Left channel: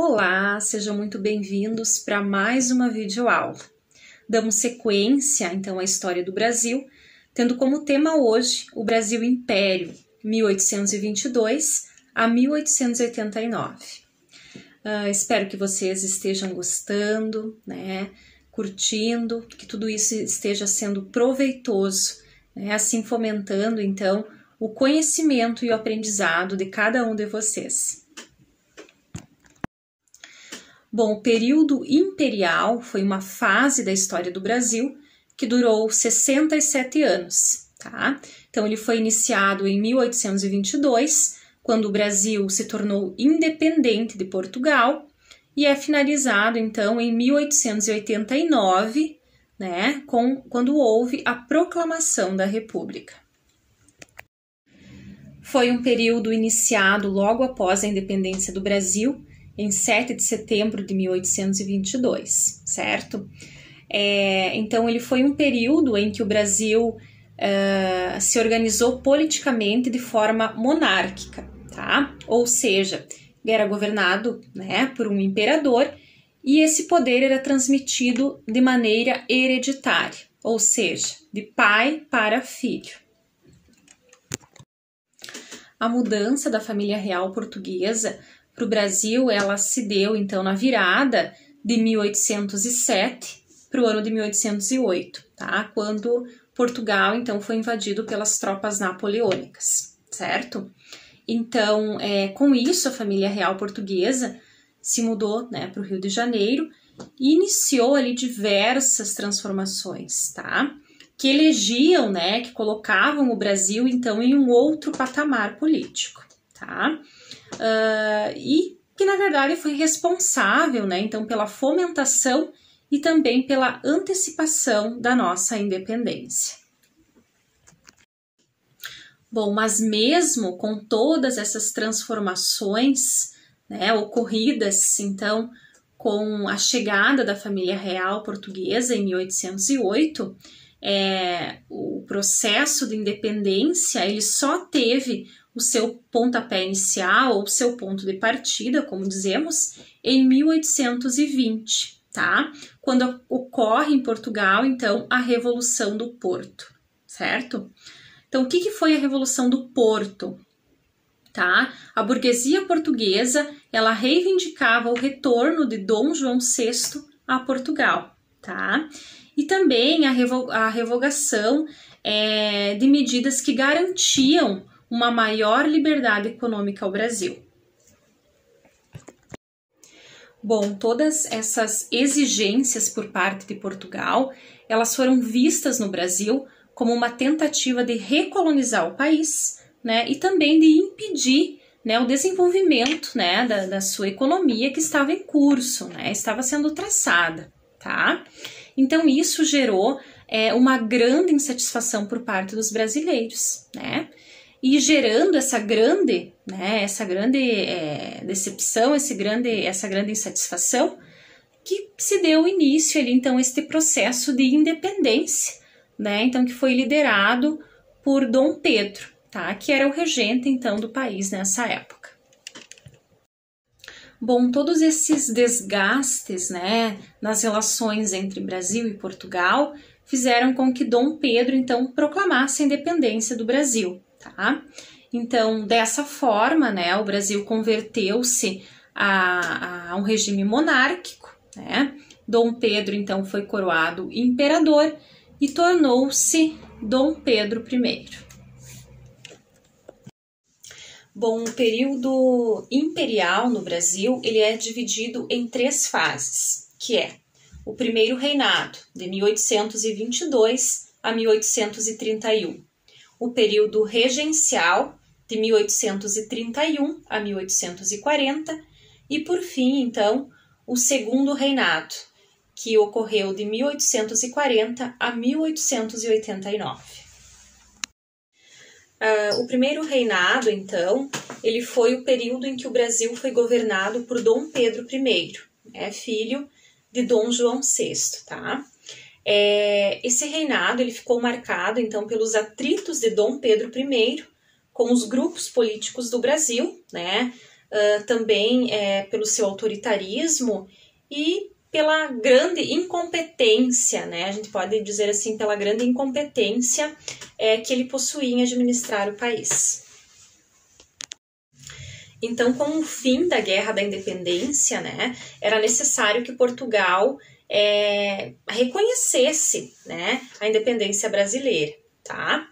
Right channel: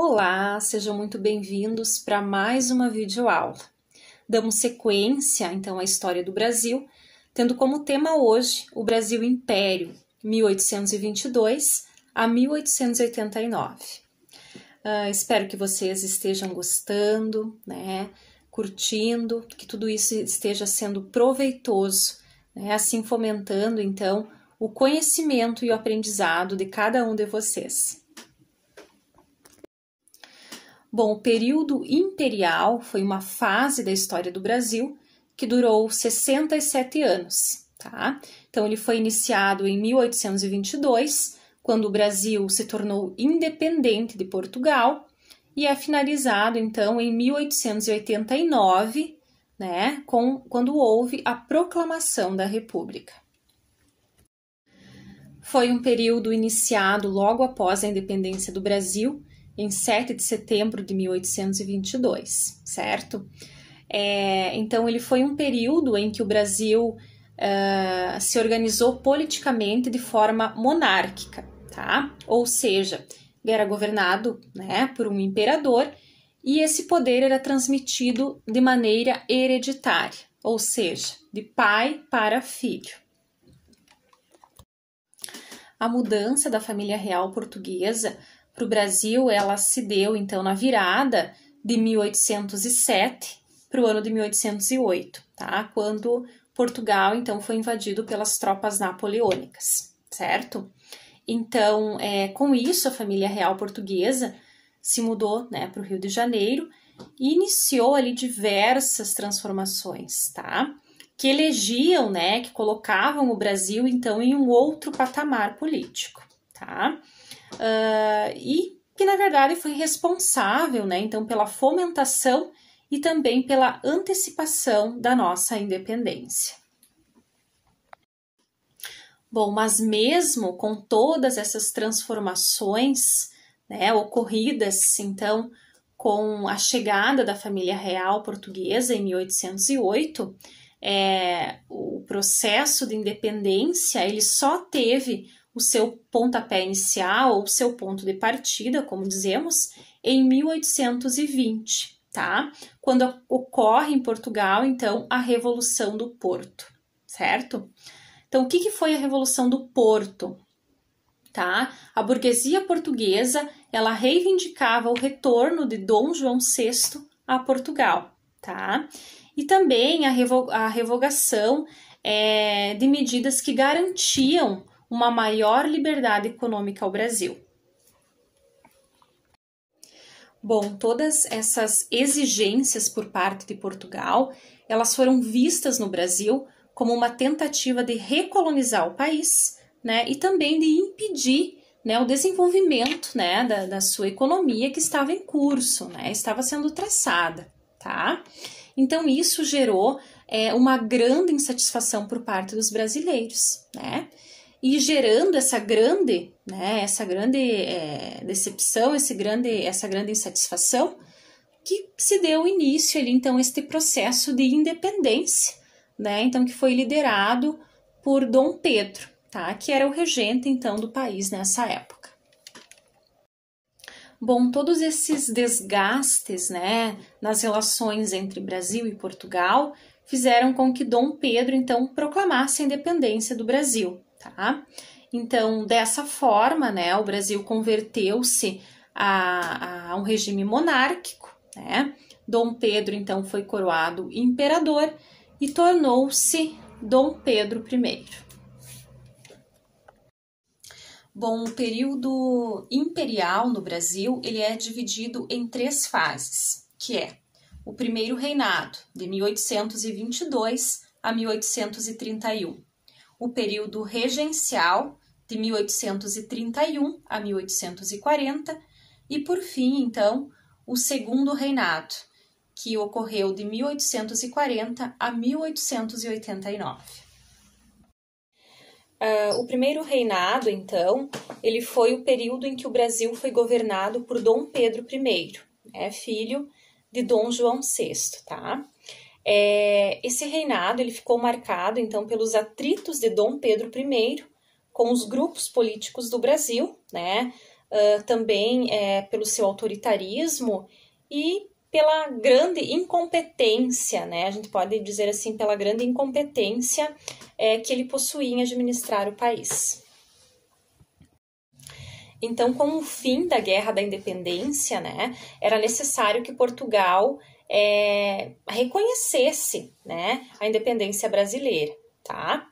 Olá, sejam muito bem-vindos para mais uma videoaula. Damos sequência, então, à história do Brasil, tendo como tema hoje o Brasil Império, 1822 a 1889. Espero que vocês estejam gostando, né, curtindo, que tudo isso esteja sendo proveitoso, né, assim fomentando, então, o conhecimento e o aprendizado de cada um de vocês. Bom, o período imperial foi uma fase da história do Brasil que durou 67 anos, tá? Então, ele foi iniciado em 1822, quando o Brasil se tornou independente de Portugal, e é finalizado, então, em 1889, né, quando houve a proclamação da República. Foi um período iniciado logo após a independência do Brasil, em 7 de setembro de 1822, certo? Então, ele foi um período em que o Brasil se organizou politicamente de forma monárquica, tá? Ou seja, ele era governado, né, por um imperador e esse poder era transmitido de maneira hereditária, ou seja, de pai para filho. A mudança da família real portuguesa para o Brasil, ela se deu, então, na virada de 1807 para o ano de 1808, tá? Quando Portugal, então, foi invadido pelas tropas napoleônicas, certo? Então, com isso, a família real portuguesa se mudou, né, para o Rio de Janeiro e iniciou ali diversas transformações, tá? Que elegiam, né, que colocavam o Brasil, então, em um outro patamar político, tá? E que, na verdade, foi responsável, né, então, pela fomentação e também pela antecipação da nossa independência. Bom, mas mesmo com todas essas transformações, né, ocorridas, então, com a chegada da família real portuguesa em 1808, o processo de independência ele só teve o seu pontapé inicial ou o seu ponto de partida, como dizemos, em 1820, tá? Quando ocorre em Portugal, então, a Revolução do Porto, certo? Então, o que foi a Revolução do Porto? Tá? A burguesia portuguesa, ela reivindicava o retorno de Dom João VI a Portugal, tá? E também a revogação de medidas que garantiam uma maior liberdade econômica ao Brasil. Bom, todas essas exigências por parte de Portugal, elas foram vistas no Brasil como uma tentativa de recolonizar o país, né, e também de impedir, né, o desenvolvimento, né, da sua economia que estava em curso, né, estava sendo traçada, tá? Então, isso gerou uma grande insatisfação por parte dos brasileiros, né? E gerando essa grande decepção, essa grande insatisfação, que se deu início ali, então, este processo de independência, né? Então, que foi liderado por Dom Pedro, tá? Que era o regente, então, do país nessa época. Bom, todos esses desgastes, né, nas relações entre Brasil e Portugal fizeram com que Dom Pedro, então, proclamasse a independência do Brasil, tá? Então, dessa forma, né, o Brasil converteu-se a um regime monárquico, né? Dom Pedro, então, foi coroado imperador e tornou-se Dom Pedro I. Bom, o período imperial no Brasil, ele é dividido em 3 fases, que é o primeiro reinado, de 1822 a 1831, o período regencial, de 1831 a 1840, e por fim, então, o segundo reinado, que ocorreu de 1840 a 1889. O primeiro reinado, então, ele foi o período em que o Brasil foi governado por Dom Pedro I, né, filho de Dom João VI, tá? Esse reinado ele ficou marcado, então, pelos atritos de Dom Pedro I com os grupos políticos do Brasil, né, também pelo seu autoritarismo e pela grande incompetência, né? A gente pode dizer assim, pela grande incompetência que ele possuía em administrar o país. Então, com o fim da Guerra da Independência, né, era necessário que Portugal reconhecesse, né, a independência brasileira, tá?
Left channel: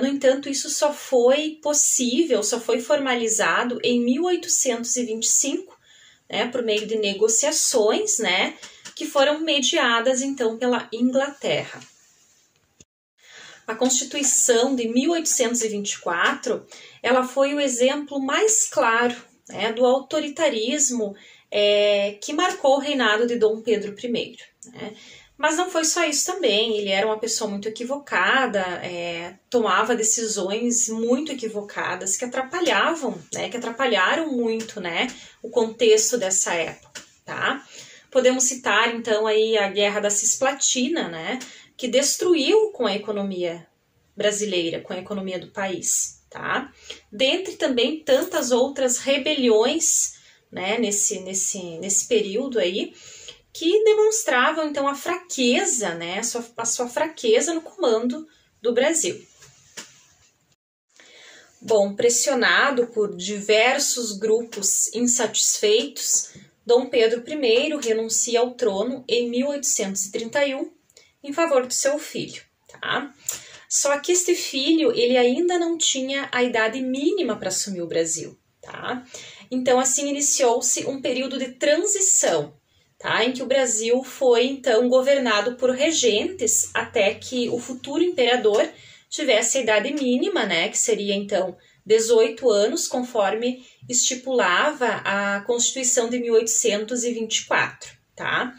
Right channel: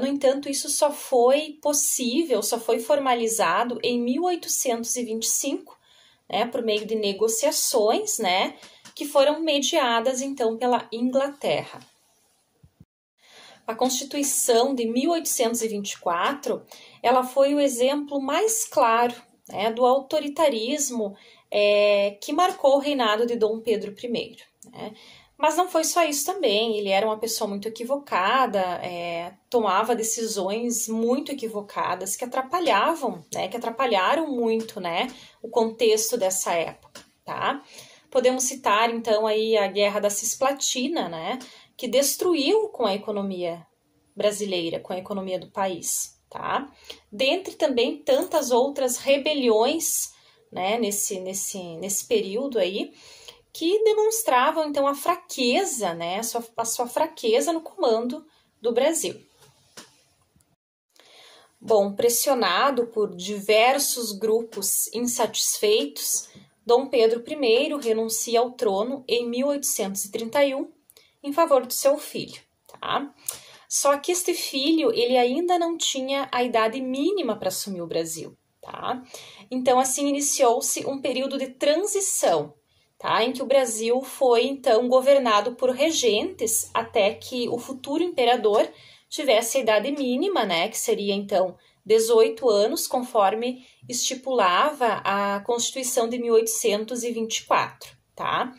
No entanto, isso só foi possível, só foi formalizado em 1825, né, por meio de negociações, né, que foram mediadas, então, pela Inglaterra. A Constituição de 1824, ela foi o exemplo mais claro, né, do autoritarismo que marcou o reinado de Dom Pedro I. Né? Mas não foi só isso também, ele era uma pessoa muito equivocada, tomava decisões muito equivocadas que atrapalhavam, né, que atrapalharam muito, né, o contexto dessa época, tá? Podemos citar, então, aí a Guerra da Cisplatina, né, que destruiu com a economia brasileira, com a economia do país, tá? Dentre também tantas outras rebeliões, né, nesse período aí, que demonstravam, então, a fraqueza, né, a sua fraqueza no comando do Brasil. Bom, pressionado por diversos grupos insatisfeitos, Dom Pedro I renuncia ao trono em 1831 em favor do seu filho, tá? Só que este filho, ele ainda não tinha a idade mínima para assumir o Brasil, tá? Então, assim, iniciou-se um período de transição, tá? Em que o Brasil foi, então, governado por regentes até que o futuro imperador tivesse a idade mínima, né? Que seria, então, 18 anos, conforme estipulava a Constituição de 1824, tá?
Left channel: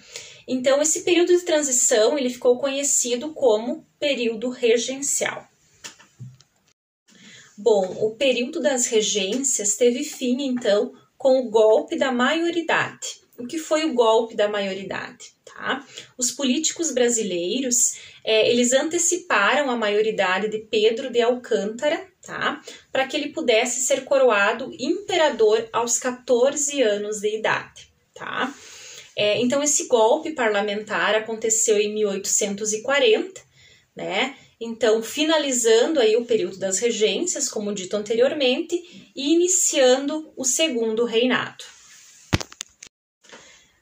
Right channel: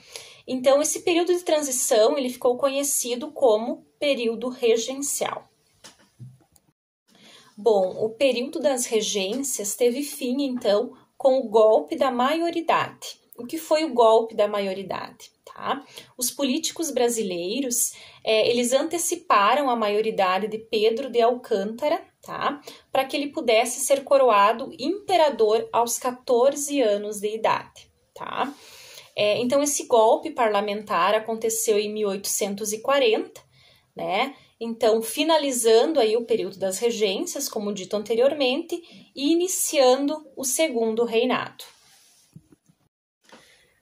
Então, esse período de transição, ele ficou conhecido como período regencial. Bom, o período das regências teve fim, então, com o golpe da maioridade. O que foi o golpe da maioridade? Tá? Os políticos brasileiros, eles anteciparam a maioridade de Pedro de Alcântara, tá? Para que ele pudesse ser coroado imperador aos 14 anos de idade, tá? Então, esse golpe parlamentar aconteceu em 1840, né? Então, finalizando aí o período das regências, como dito anteriormente, e iniciando o segundo reinado.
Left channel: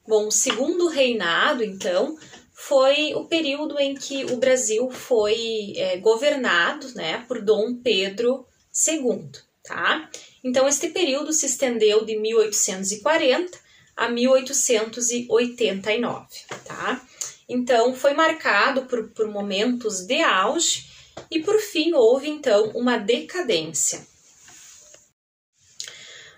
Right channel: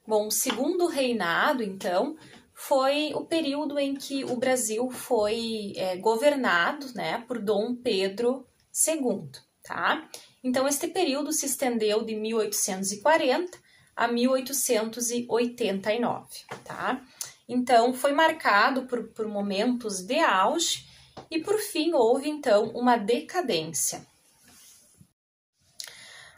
Bom, o segundo reinado, então, foi o período em que o Brasil foi governado, né, por Dom Pedro II, tá? Então, este período se estendeu de 1840 a 1889, tá? Então, foi marcado por momentos de auge e, por fim, houve, então, uma decadência.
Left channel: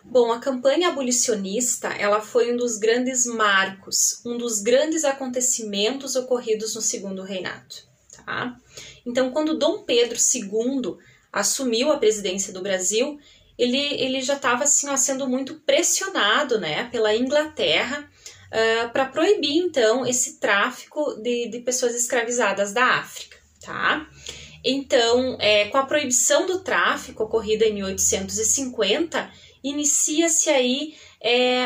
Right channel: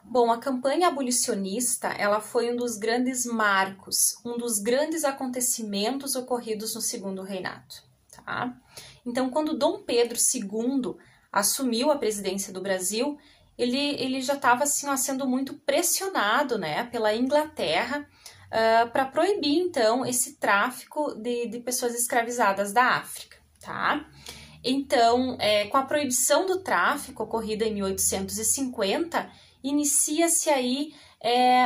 Bom, a campanha abolicionista, ela foi um dos grandes marcos, um dos grandes acontecimentos ocorridos no segundo reinado, tá? Então, quando Dom Pedro II assumiu a presidência do Brasil, ele já estava assim, sendo muito pressionado, né, pela Inglaterra para proibir, então, esse tráfico de pessoas escravizadas da África, tá? Então, com a proibição do tráfico ocorrida em 1850, inicia-se aí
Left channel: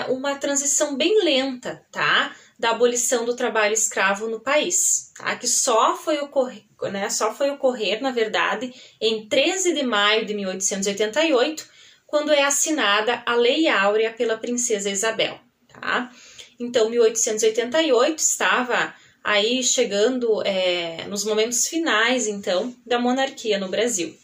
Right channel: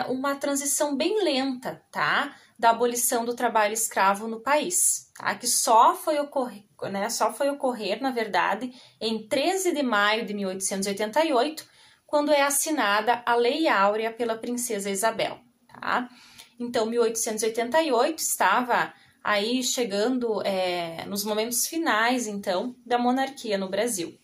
uma transição bem lenta, tá? Da abolição do trabalho escravo no país, tá? Que só foi ocorrer, na verdade, em 13 de maio de 1888, quando é assinada a Lei Áurea pela Princesa Isabel, tá? Então, 1888 estava aí chegando nos momentos finais, então, da monarquia no Brasil.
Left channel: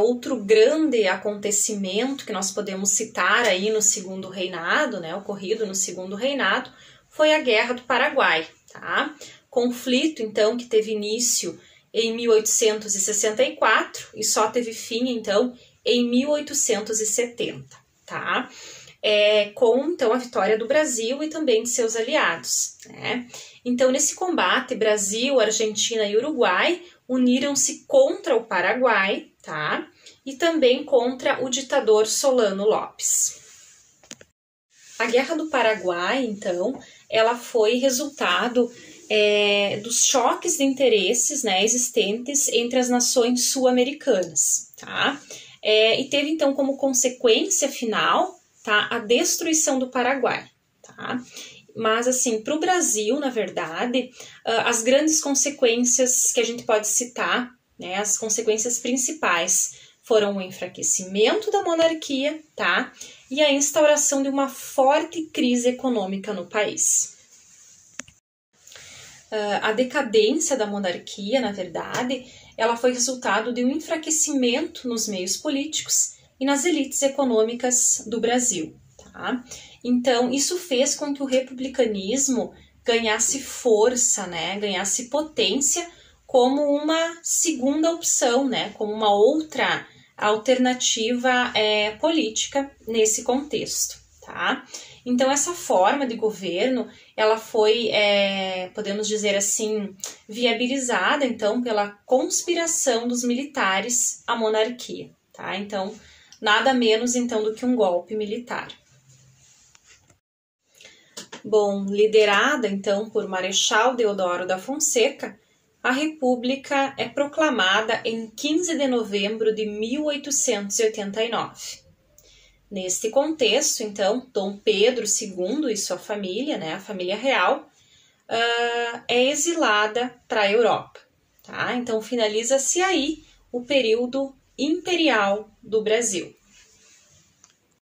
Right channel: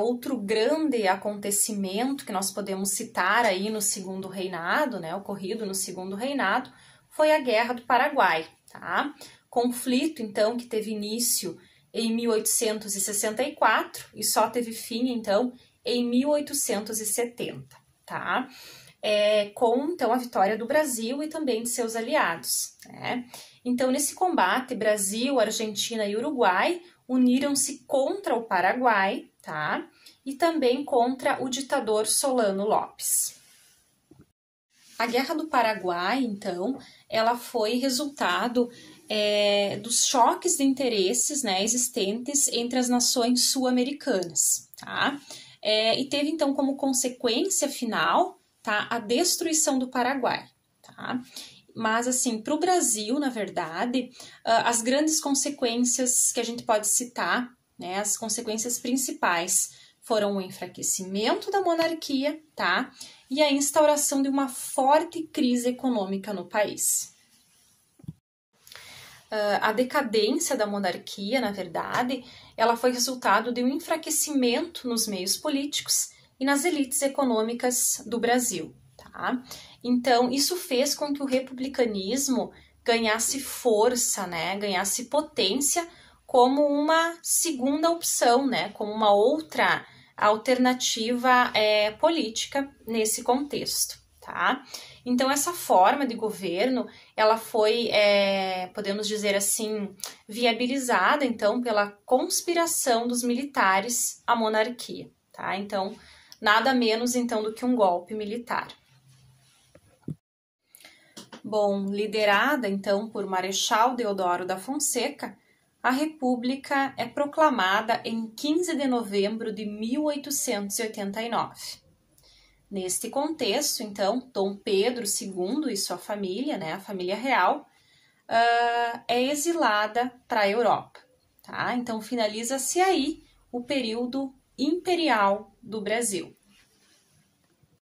Outro grande acontecimento que nós podemos citar aí no segundo reinado, né, ocorrido no segundo reinado, foi a Guerra do Paraguai, tá? Conflito, então, que teve início em 1864 e só teve fim, então, em 1870, tá? Com, então, a vitória do Brasil e também de seus aliados, né? Então, nesse combate, Brasil, Argentina e Uruguai uniram-se contra o Paraguai, tá? E também contra o ditador Solano Lopes. A Guerra do Paraguai, então, ela foi resultado dos choques de interesses, né, existentes entre as nações sul-americanas, tá? e teve então como consequência final, tá, a destruição do Paraguai, tá? Mas assim, para o Brasil, na verdade, as grandes consequências que a gente pode citar, né, as consequências principais foram o enfraquecimento da monarquia, tá? E a instauração de uma forte crise econômica no país. A decadência da monarquia, na verdade, ela foi resultado de um enfraquecimento nos meios políticos e nas elites econômicas do Brasil, tá? Então, isso fez com que o republicanismo ganhasse força, né? Ganhasse potência como uma segunda opção, né? Como uma outra alternativa política nesse contexto, tá? Então, essa forma de governo, ela foi, podemos dizer assim, viabilizada, então, pela conspiração dos militares à monarquia, tá? Então, nada menos, então, do que um golpe militar. Bom, liderada, então, por Marechal Deodoro da Fonseca, a República é proclamada em 15 de novembro de 1889. Neste contexto, então, Dom Pedro II e sua família, né, a família real, é exilada para a Europa. Tá? Então, finaliza-se aí o período imperial do Brasil.